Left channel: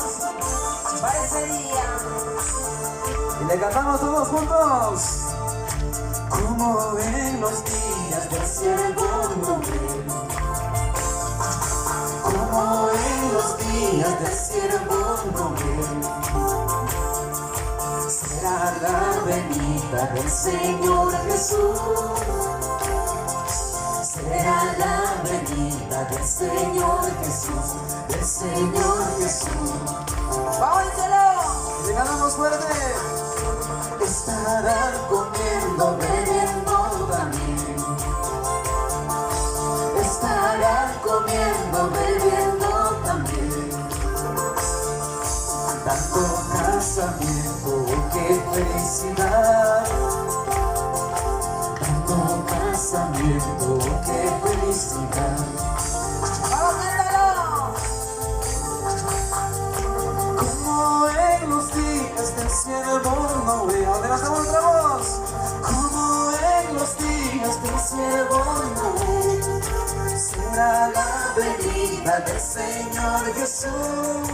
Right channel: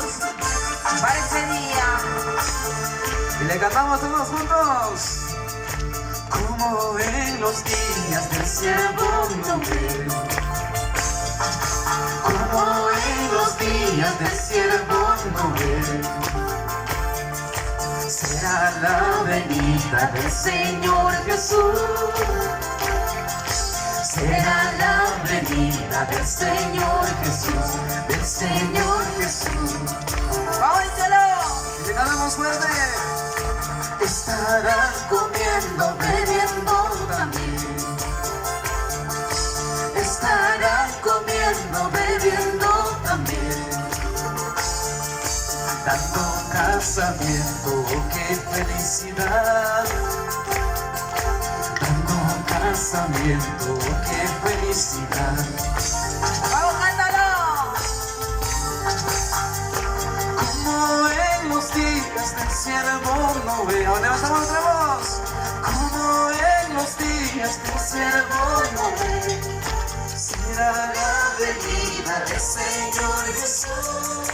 preparados para ese día. Y le cantamos todos juntos. Como en los días del siervo Noé, como en los días del siervo Noé, será la venida del Señor Jesús. Será la venida del Señor Jesús, del Señor Jesús. ¡Óyelo! Y le cantamos fuerte. Estarán comiendo, bebiendo también. Estarán comiendo, bebiendo también. Dando casamiento, qué felicidad. Dando casamiento, qué felicidad. ¡Vamos, cántalo! Como en los días del siervo Noé. Ahora levantamos otra voz. Como en los días del siervo Noé, será la venida del Señor Jesús.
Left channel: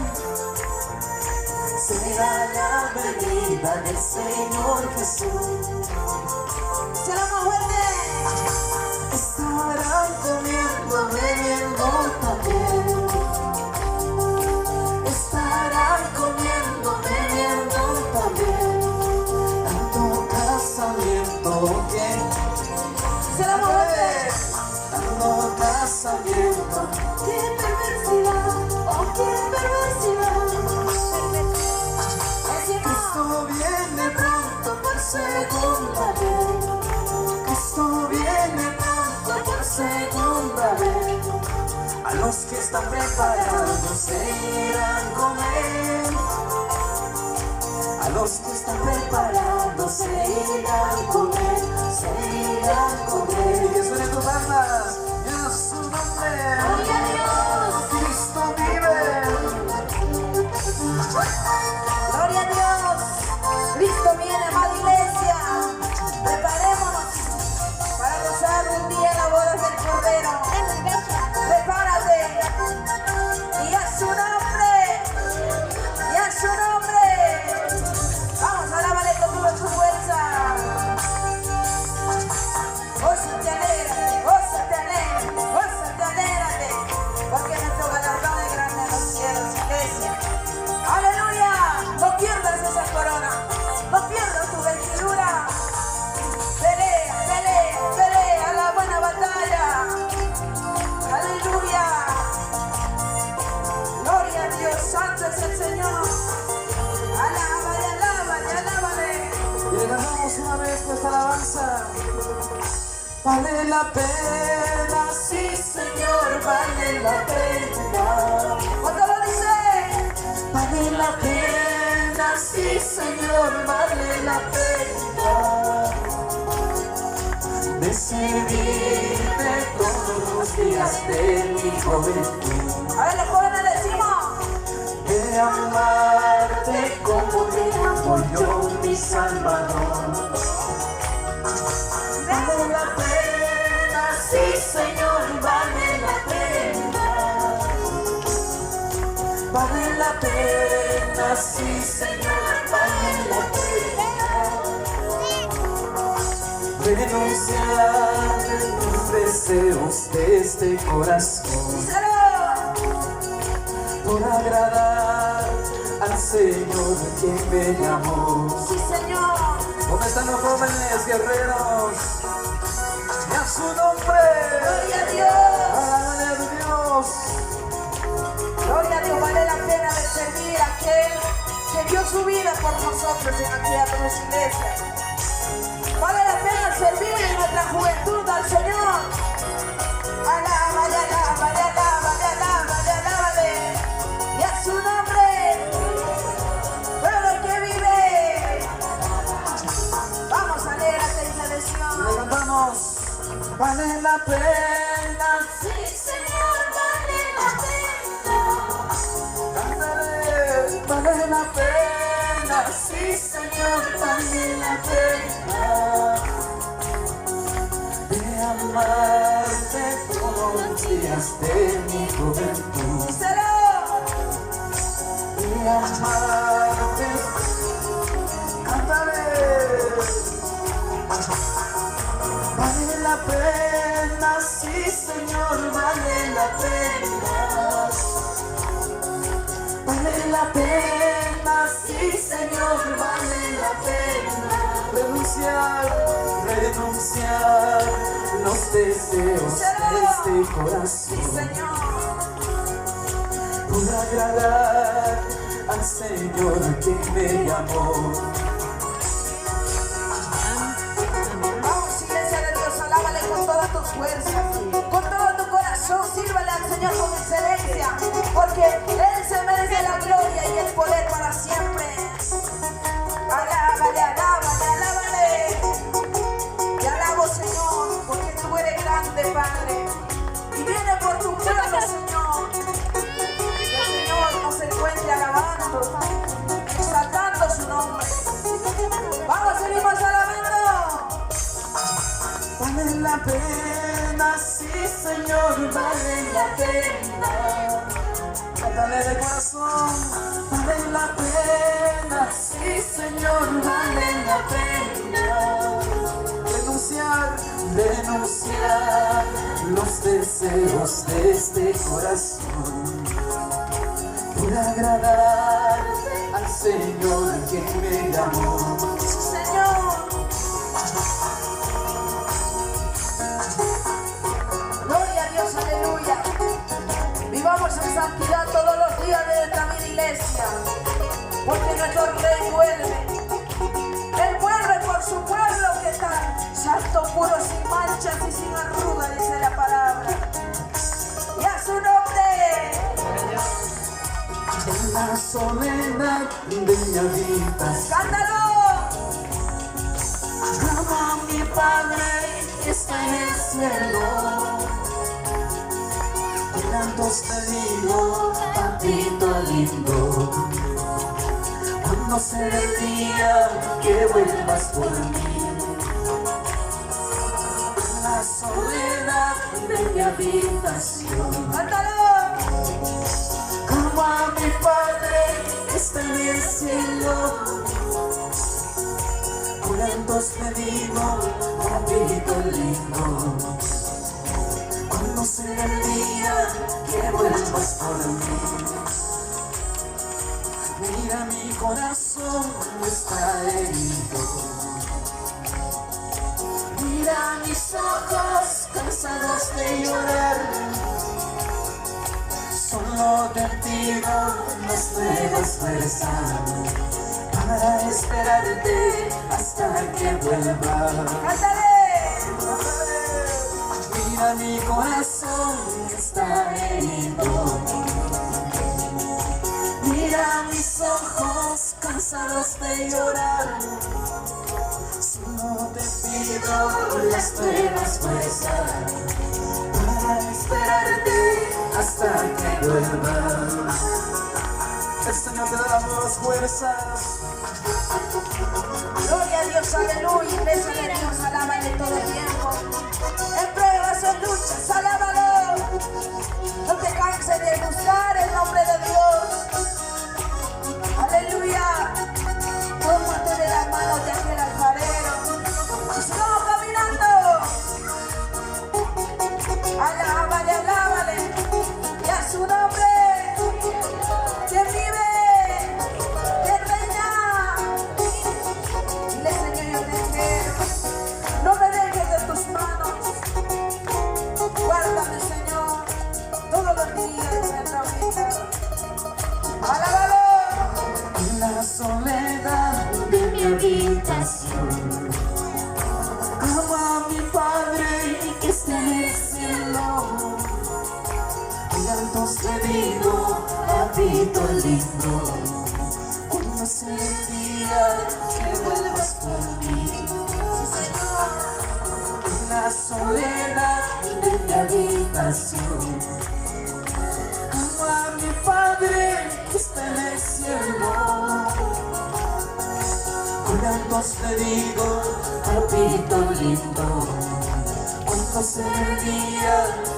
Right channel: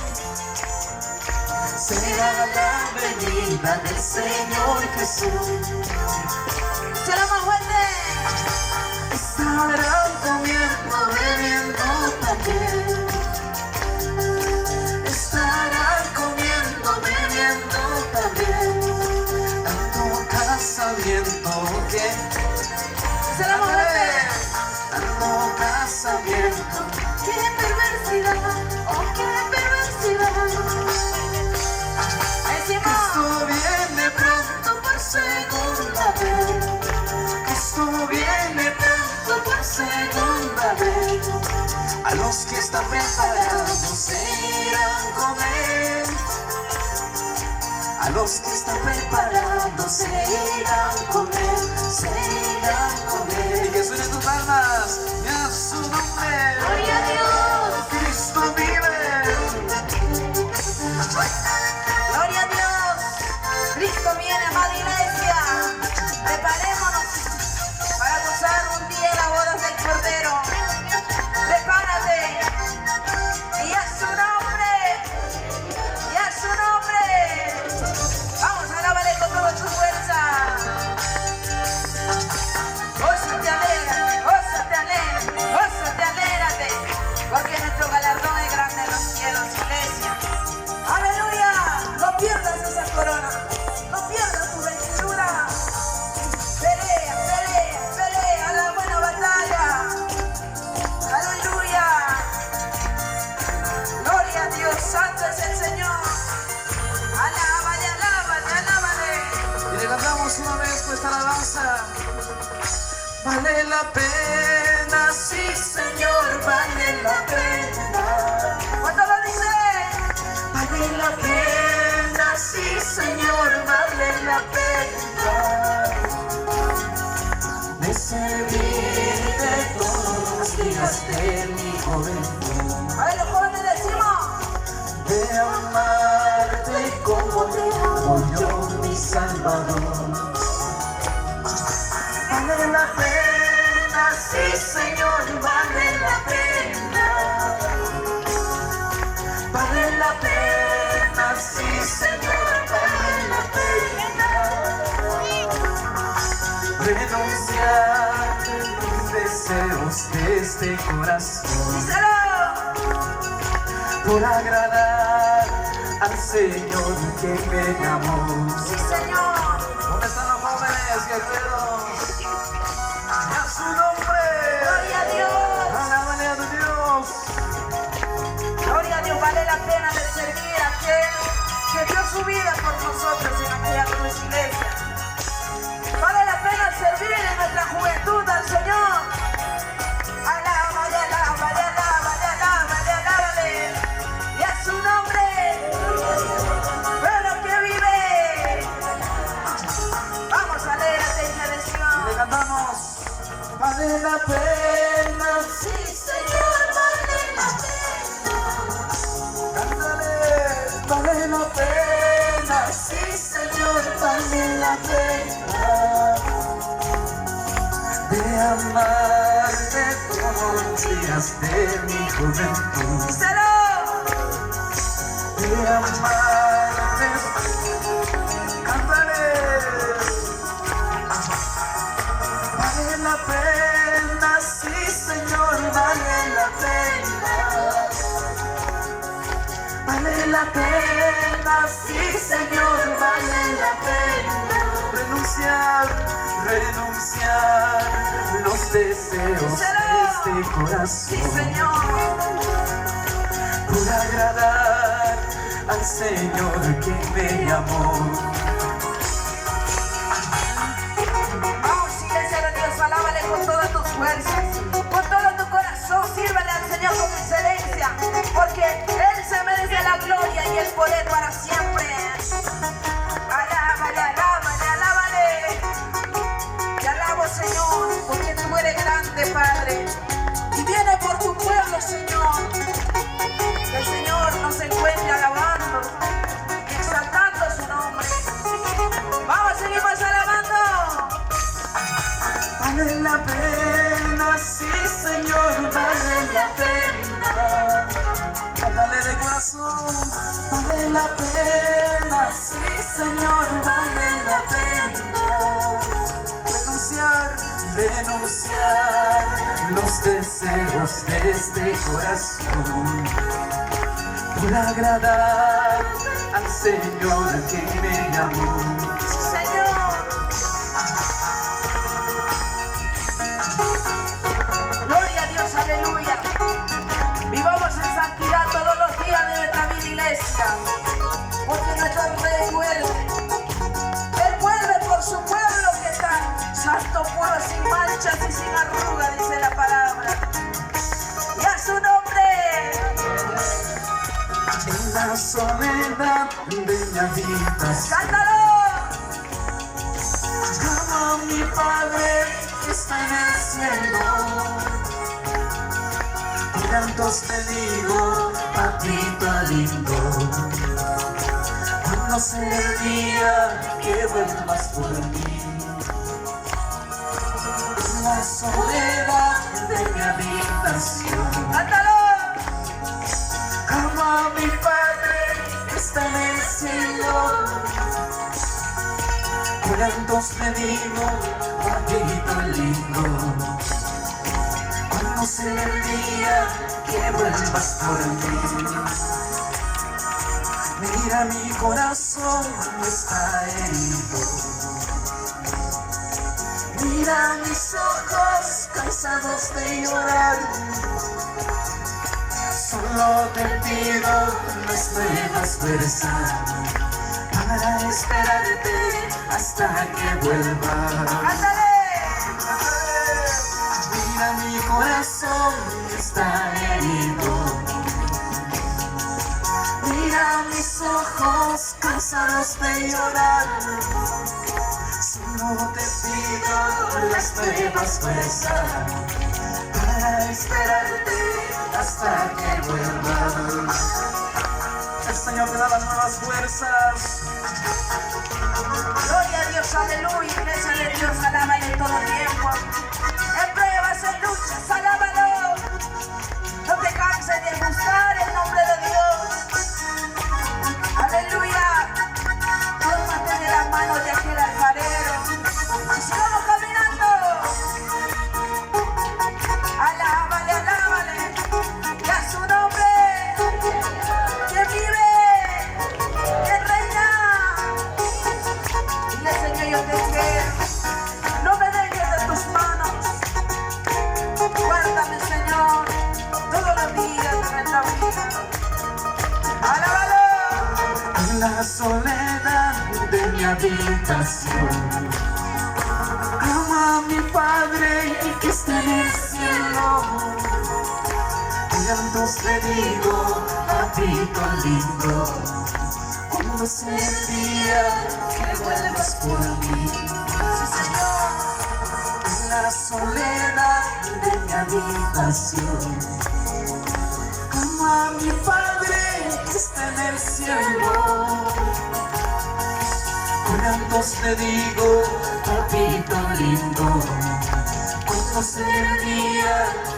Será la venida del Señor Jesús. ¡Se lo más fuerte! Estarán comiendo, bebiendo también. Estarán comiendo, bebiendo también. Dando casamiento, que ¡Se lo más fuerte! dando casamiento. ¡Qué perversidad! ¡Oh, qué perversidad! ¡Encima! Cristo viene pronto por segunda vez. Cristo viene pronto por segunda vez. A los que están preparados se irán a comer. A los que están preparados se irán a comer. Se irán a comer. Y que suenen tus palmas y a su nombre. ¡Gloria a Dios! Cristo vive. ¡Gloria a Dios! Cristo viene, amada iglesia. Preparémonos para gozar un día las bodas del Cordero. Prepárate. Y a su nombre. Y a su nombre. Vamos, alábale con toda tu fuerza. Gózate, alégrate, gózate, alégrate, gózate, alégrate. Porque nuestro galardón es grande en los cielos, iglesia. ¡Aleluya! No pierdas esa corona. No pierdas tu vestidura. Pelea, pelea, pelea la buena batalla. ¡Aleluya! Gloria a Dios, santo es el Señor. Alábale, alábale, alábale. Y le cantamos una vez con esta alabanza. Vale la pena, sí Señor, vale la pena. ¿Cuánto lo dice? Vale la pena, sí Señor, vale la pena. De servirte todos los días de mi juventud. A ver, los jóvenes decimos. De amarte como te amo yo, mi Salvador. Vale la pena, sí Señor, vale la pena. Vale la pena, sí Señor, vale la pena. Renunciar a mis deseos de este corazón. ¡Díselo! Por agradar al Señor que me llamó. ¡Sí, Señor! ¿Dónde están los jóvenes guerreros? Y a su nombre. ¡Gloria a Dios! Alabanza de Dios. Gloria a Dios, vale la pena de servir a aquel que dio su vida por nosotros en aquella cruz, iglesia. Vale la pena servir en nuestra juventud al Señor. Alábale, alábale, alábale, alábale, alábale. Y a su nombre, pero que vive. Vamos, alégrate, Y le iglesia. cantamos. Vale la pena. Sí, Señor, vale la pena. Cántale. Vale la pena. Sí, Señor, vale la pena. De amarte todos los días de mi juventud. ¡Díselo! De de amarte. Cántale. Vale la pena, sí Señor, vale la pena. Vale la pena, sí Señor, vale la pena. Renunciar los deseos de este corazón. Sí, Señor. Por agradar al Señor que me llamó. Vamos, iglesia de Dios, alábale con todas tus fuerzas, con todo tu corazón, sírvale al Señor con excelencia, porque Él se merece la gloria y el poder para siempre. Alábale, alábale, alábale. Te alabo, Señor, porque tú eres grande, Padre, y viene por tu pueblo, Señor. Que el Señor nos encuentre alabando, exaltando su nombre. Vamos, seguimos alabando. Vale la pena, sí Señor, vale la pena. Cántale de corazón. Vale la pena, sí Señor, vale la pena. Renunciar los deseos de este corazón. Por agradar al Señor que me llamó. Sí, Señor. Gloria a Dios, aleluya. Vivamos en santidad todos los días de nuestra vida, iglesia, porque nuestro Rey vuelve. Él vuelve por su pueblo que está santo, puro, sin manchas y sin arrugas, dice la palabra. Y a su nombre. En la soledad de mi habitación, ¡Cántalo! llamo a mi Padre que está en el cielo. Y tantos te digo, papito lindo, cuando sea el día que vuelvas por mí. En la soledad de mi habitación, ¡Cántalo! llamo a mi Padre que está en el cielo. Curantos te digo, papito lindo, cuando sea el día que vuelvas por mí. Mira mi corazón está herido. Mira mis ojos cansados de llorar. Solo te pido las nuevas fuerzas para esperarte hasta que vuelvas. ¡Cántale! Mira mi corazón está herido. Mira mis ojos cansados de llorar. Solo te pido las nuevas fuerzas para esperarte hasta que vuelvas. El Señor te da las nuevas fuerzas. Gloria a Dios, aleluya, iglesia de Dios, alábale todo tiempo. En pruebas, en luchas, alábalo. No te canses de buscar el nombre de Dios. Aleluya. Tómate de la mano de aquel alfarero. Y sigamos caminando. Alábale, alábale. Y a su nombre. Que vive, que reina. Dile, Señor, yo te quiero. No me dejes de tus manos. Guárdame, Señor, todos los días de nuestra vida. Alábalo. En la soledad de mi habitación, amo a mi Padre que está en el cielo. Y llantos te digo, papito lindo, cuando sea el día que vuelvas por mí. Sí, Señor. En la soledad de mi habitación, amo a mi Padre que está en el cielo. Con llantos te digo, papito lindo, cuando sea el día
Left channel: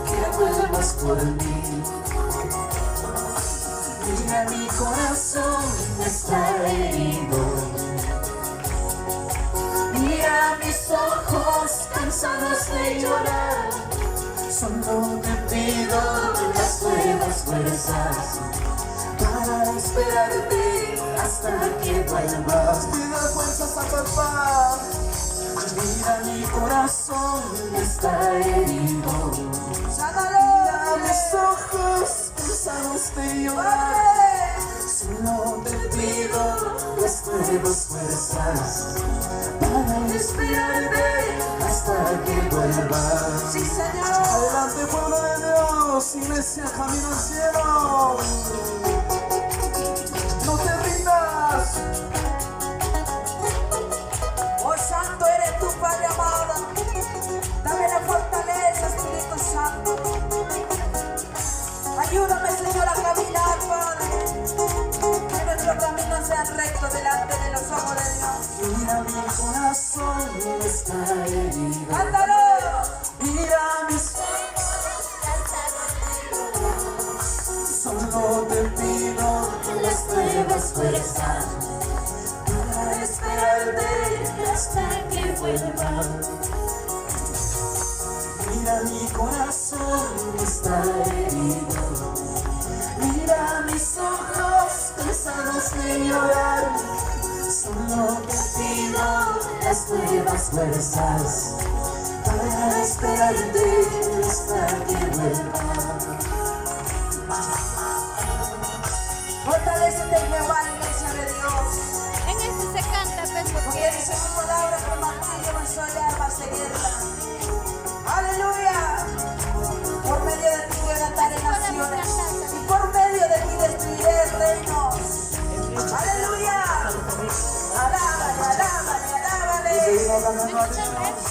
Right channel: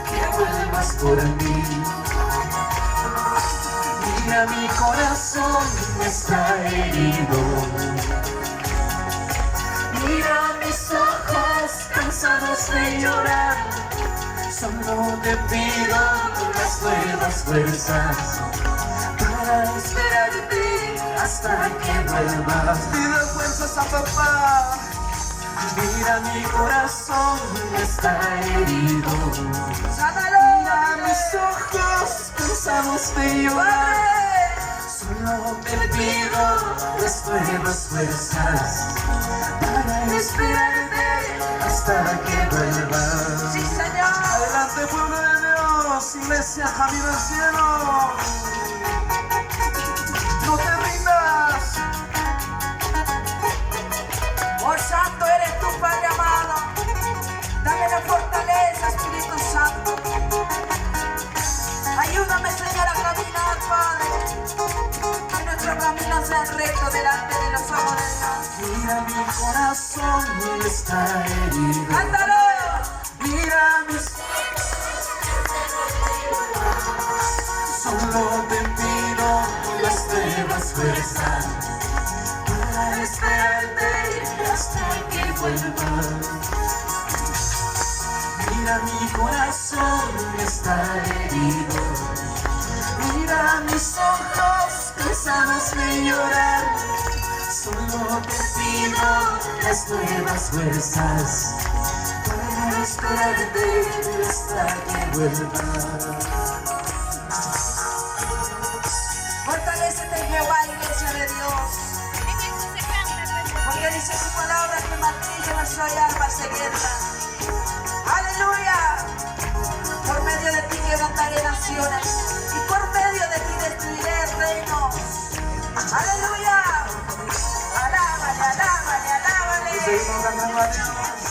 que vuelvas por mí. Mira, mi corazón está herido. Mira mis ojos cansados de llorar. Solo te pido las nuevas fuerzas para esperarte hasta que vuelvas. Pido fuerzas a papá. Mira, mi corazón está herido. Mira mis ojos cansados de llorar. Solo te pido las nuevas fuerzas para esperarte hasta que vuelvas. Sí, Señor. Adelante, pueblo de Dios, iglesia camino al cielo. No te rindas. Oh, santo eres tú, Padre amado. Dame la fortaleza, Espíritu Santo. Ayúdame, Señor, a caminar, Padre. Que nuestro camino sea recto delante de los ojos de Dios. Mira, mi corazón está herido. ¡Cántalo! Mira mis... Solo te pido las nuevas fuerzas para esperarte hasta que vuelvas. Mira, mi corazón está herido. Mira mis ojos cansados de llorar. Solo te pido las nuevas fuerzas para esperarte hasta que vuelvas. Fortalécete en Jehová, iglesia de Dios. En eso se canta, Porque dice su palabra que martillo va a soñar, va a seguirla. ¡Aleluya! Por medio de ti levantaré naciones y por medio de ti destruiré reinos. ¡Aleluya! Alábale, alábale, alábale. Seguimos cantando a Dios.